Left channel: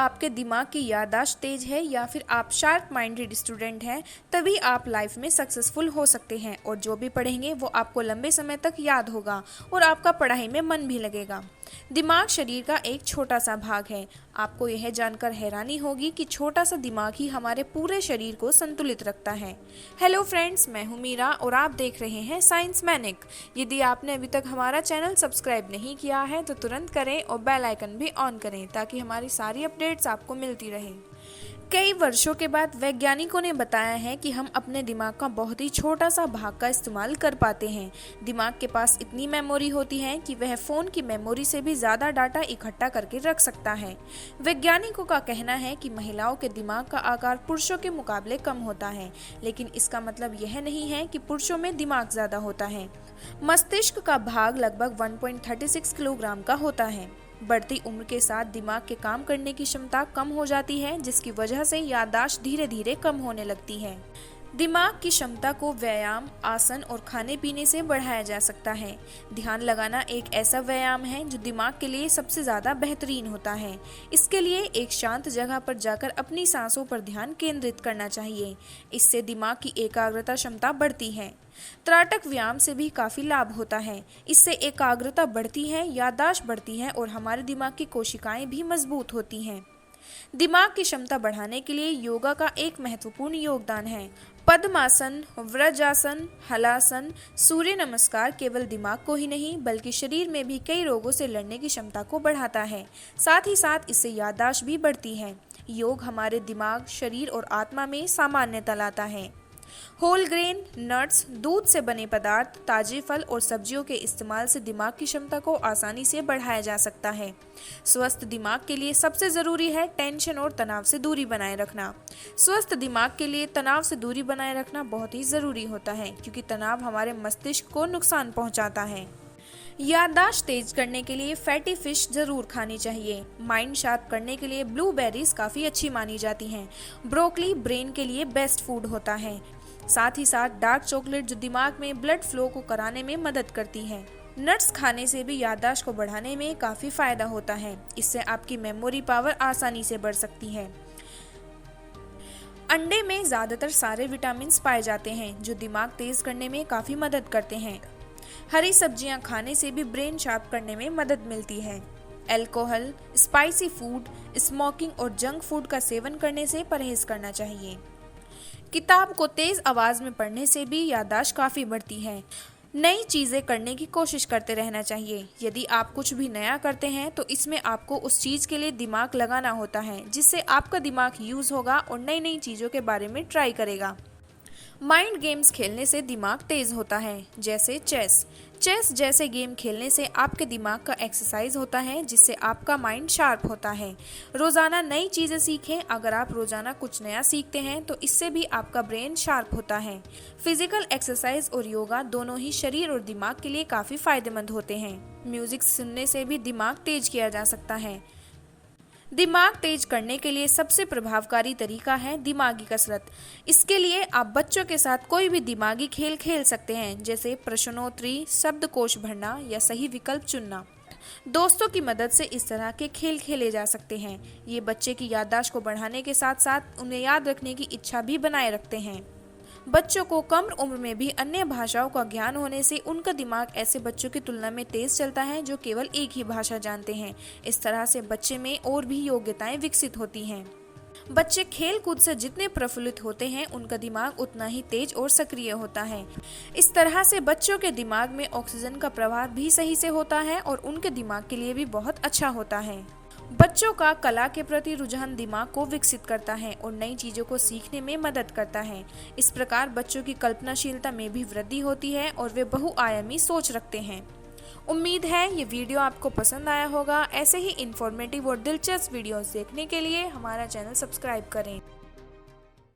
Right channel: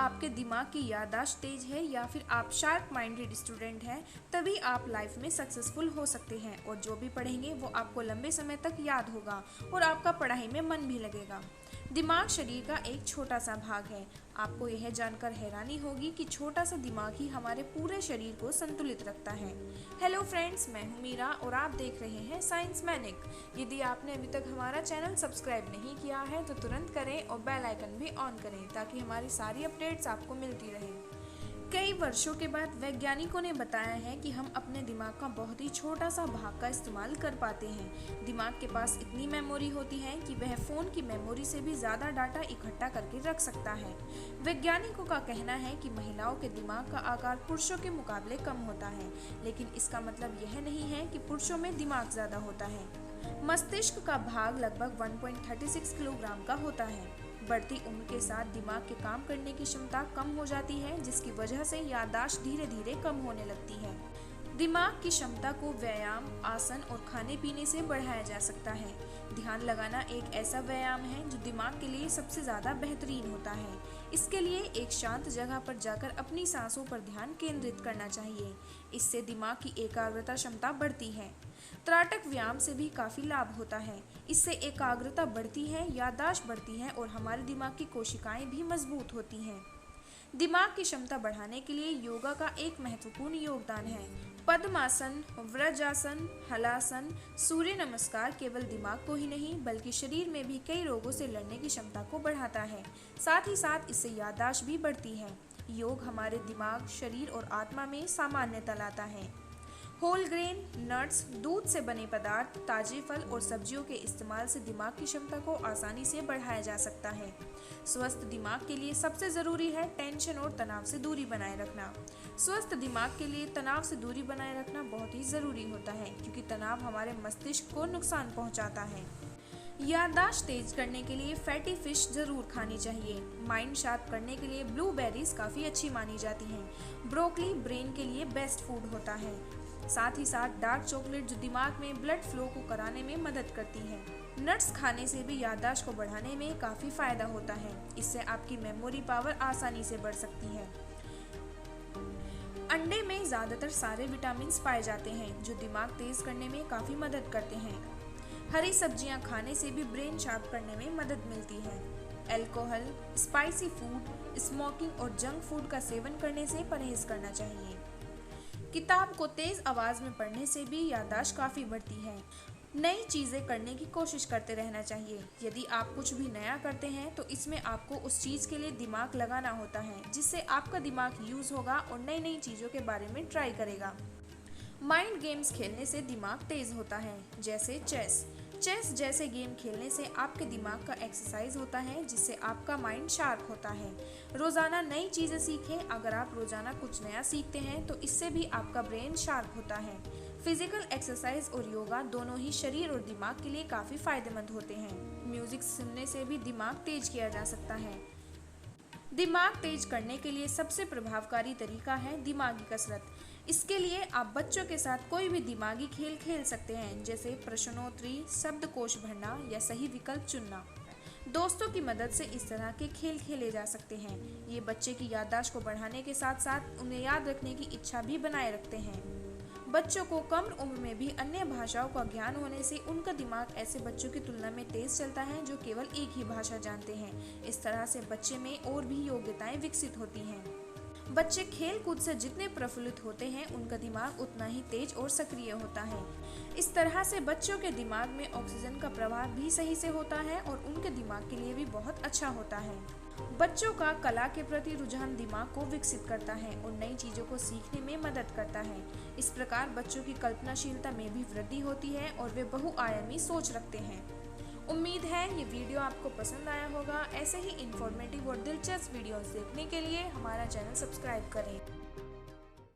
आपके दिमाग की याददाश्त तेज है या फिर आप शार्प माइंडेड स्टूडेंट हैं, तभी आप लाइफ में सक्सेसफुल हो सकते हैं और जो भी पढ़ेंगे वो आपको लंबे समय तक याद होगा और आपका पढ़ाई में मन भी लगेगा। दिमाग शरीर का एक छोटा सा भाग है। आपको यह जानकर हैरानी होगी कि छोटा सा दिमाग ही हमारे पूरे शरीर को संतुलित रखता है। हेलो फ्रेंड्स, मैं हूं मीरा और आप देख रहे हैं साइंस मैनिक। यदि आपने अभी तक हमारा चैनल सब्सक्राइब नहीं किया है तो तुरंत करें और बेल आइकन भी ऑन करें ताकि हमारी सारी अपडेट्स आपको मिलती रहें। कई वर्षों के बाद वैज्ञानिकों ने बताया है कि हम अपने दिमाग का बहुत ही छोटा सा भाग का इस्तेमाल कर पाते हैं। दिमाग के पास इतनी मेमोरी होती है कि वह फ़ोन की मेमोरी से भी ज़्यादा डाटा इकट्ठा करके रख सकता है। वैज्ञानिकों का कहना है कि महिलाओं के दिमाग का आकार पुरुषों के मुकाबले कम होता है, लेकिन इसका मतलब यह नहीं है कि पुरुषों में दिमाग ज़्यादा होता है। मस्तिष्क का भाग लगभग 1.36 किलोग्राम का होता है। बढ़ती उम्र के साथ दिमाग के काम करने की क्षमता कम हो जाती है, जिसकी वजह से याददाश्त धीरे धीरे कम होने लगती है। दिमाग की क्षमता को व्यायाम, आसन और खाने पीने से बढ़ाया जा सकता है। ध्यान लगाना एक ऐसा व्यायाम है जो दिमाग के लिए सबसे ज़्यादा बेहतरीन होता है। इसके लिए एक शांत जगह पर जाकर अपनी सांसों पर ध्यान केंद्रित करना चाहिए। इससे दिमाग की एकाग्रता क्षमता बढ़ती है। त्राटक व्यायाम से भी काफ़ी लाभ होता है। इससे एकाग्रता बढ़ती है, याददाश्त बढ़ती है और हमारे दिमाग की कोशिकाएं भी मजबूत होती हैं। दिमाग की क्षमता बढ़ाने के लिए योगा का एक महत्वपूर्ण योगदान है। पद्मासन, वज्रासन, हलासन, सूर्य नमस्कार केवल दिमाग को ही नहीं बल्कि शरीर में भी कई रोगों से लड़ने की क्षमता को बढ़ाता है। साथ ही साथ इससे याददाश्त भी बढ़ती है। योग हमारे दिमाग, शरीर और आत्मा में सामान्यता लाता है। होल ग्रेन, नट्स, दूध से बने पदार्थ, ताजे फल और सब्जियों के इस्तेमाल से दिमाग की क्षमता को आसानी से बढ़ाया जा सकता है। स्वस्थ दिमाग के लिए सबसे ज़रूरी है टेंशन और तनाव से दूरी बनाए रखना। स्वस्थ दिमाग के लिए तनाव से दूरी बनाए रखना बहुत ही ज़रूरी होता है, क्योंकि तनाव हमारे मस्तिष्क को नुकसान पहुंचाता है। याददाश्त तेज करने के लिए फैटी फिश जरूर खानी चाहिए। माइंड शार्प करने के लिए ब्लूबेरीज काफ़ी अच्छी मानी जाती हैं। ब्रोकली ब्रेन के लिए बेस्ट फूड होता है। साथ ही साथ डार्क चॉकलेट जो दिमाग में ब्लड फ्लो को कराने में मदद करती है। नट्स खाने से भी याददाश्त को बढ़ाने में काफ़ी फायदा होता है। इससे आपकी मेमोरी पावर आसानी से बढ़ सकती है। अंडे में ज़्यादातर सारे विटामिन पाए जाते हैं जो दिमाग तेज करने में काफ़ी मदद करते हैं। हरी सब्जियां खाने से भी ब्रेन शार्प करने में मदद मिलती है। अल्कोहल, स्पाइसी फूड, स्मोकिंग और जंक फूड का सेवन करने से परहेज करना चाहिए। किताब को तेज आवाज़ में पढ़ने से भी याददाश्त काफ़ी बढ़ती है। नई चीज़ें करने की कोशिश करते रहना चाहिए। यदि आप कुछ भी नया करते हैं तो इसमें आपको उस चीज़ के लिए दिमाग लगाना होता है, जिससे आपका दिमाग यूज़ होगा और नई नई चीज़ों के बारे में ट्राई करेगा। माइंड गेम्स खेलने से दिमाग तेज होता है, जैसे चेस जैसे गेम खेलने से आपके दिमाग का एक्सरसाइज होता है, जिससे आपका माइंड शार्प होता है। रोज़ाना नई चीज़ें सीखें। अगर आप रोज़ाना कुछ नया सीखते हैं तो इससे भी आपका ब्रेन शार्प होता है। फिजिकल एक्सरसाइज और योगा दोनों ही शरीर और दिमाग के लिए काफ़ी फायदेमंद होते हैं। म्यूज़िक सुनने से भी दिमाग तेज किया जा सकता है। दिमाग तेज करने के लिए सबसे प्रभावकारी तरीका है दिमागी कसरत। इसके लिए आप बच्चों के साथ कोई भी दिमागी खेल खेल सकते हैं, जैसे प्रश्नोत्तरी, शब्दकोश भरना या सही विकल्प चुनना। दोस्तों की मदद से इस तरह के खेल खेले जा सकते हैं। ये बच्चे की याददाश्त को बढ़ाने के साथ साथ उन्हें याद रखने की इच्छा भी बनाए रखते हैं। बच्चों को कम उम्र में भी अन्य भाषाओं का ज्ञान होने से उनका दिमाग ऐसे बच्चों की तुलना में तेज चलता है जो केवल एक ही भाषा जानते हैं। इस तरह से बच्चे में और भी योग्यताएं विकसित होती हैं। बच्चे खेल कूद से जितने प्रफुल्लित होते हैं उनका दिमाग उतना ही तेज और सक्रिय होता है। इस तरह से बच्चों के दिमाग में ऑक्सीजन का प्रवाह भी सही से होता है और उनके दिमाग के लिए भी बहुत अच्छा होता है। बच्चों का कला के प्रति रुझान दिमाग को विकसित करता है और नई चीज़ों को सीखने में मदद करता है। इस प्रकार बच्चों की कल्पनाशीलता में भी वृद्धि होती है और वे बहुआयामी सोच रखते हैं। उम्मीद है ये वीडियो आपको पसंद आया होगा। ऐसे ही इंफॉर्मेटिव और दिलचस्प वीडियोस देखने के लिए हमारा चैनल सब्सक्राइब करें।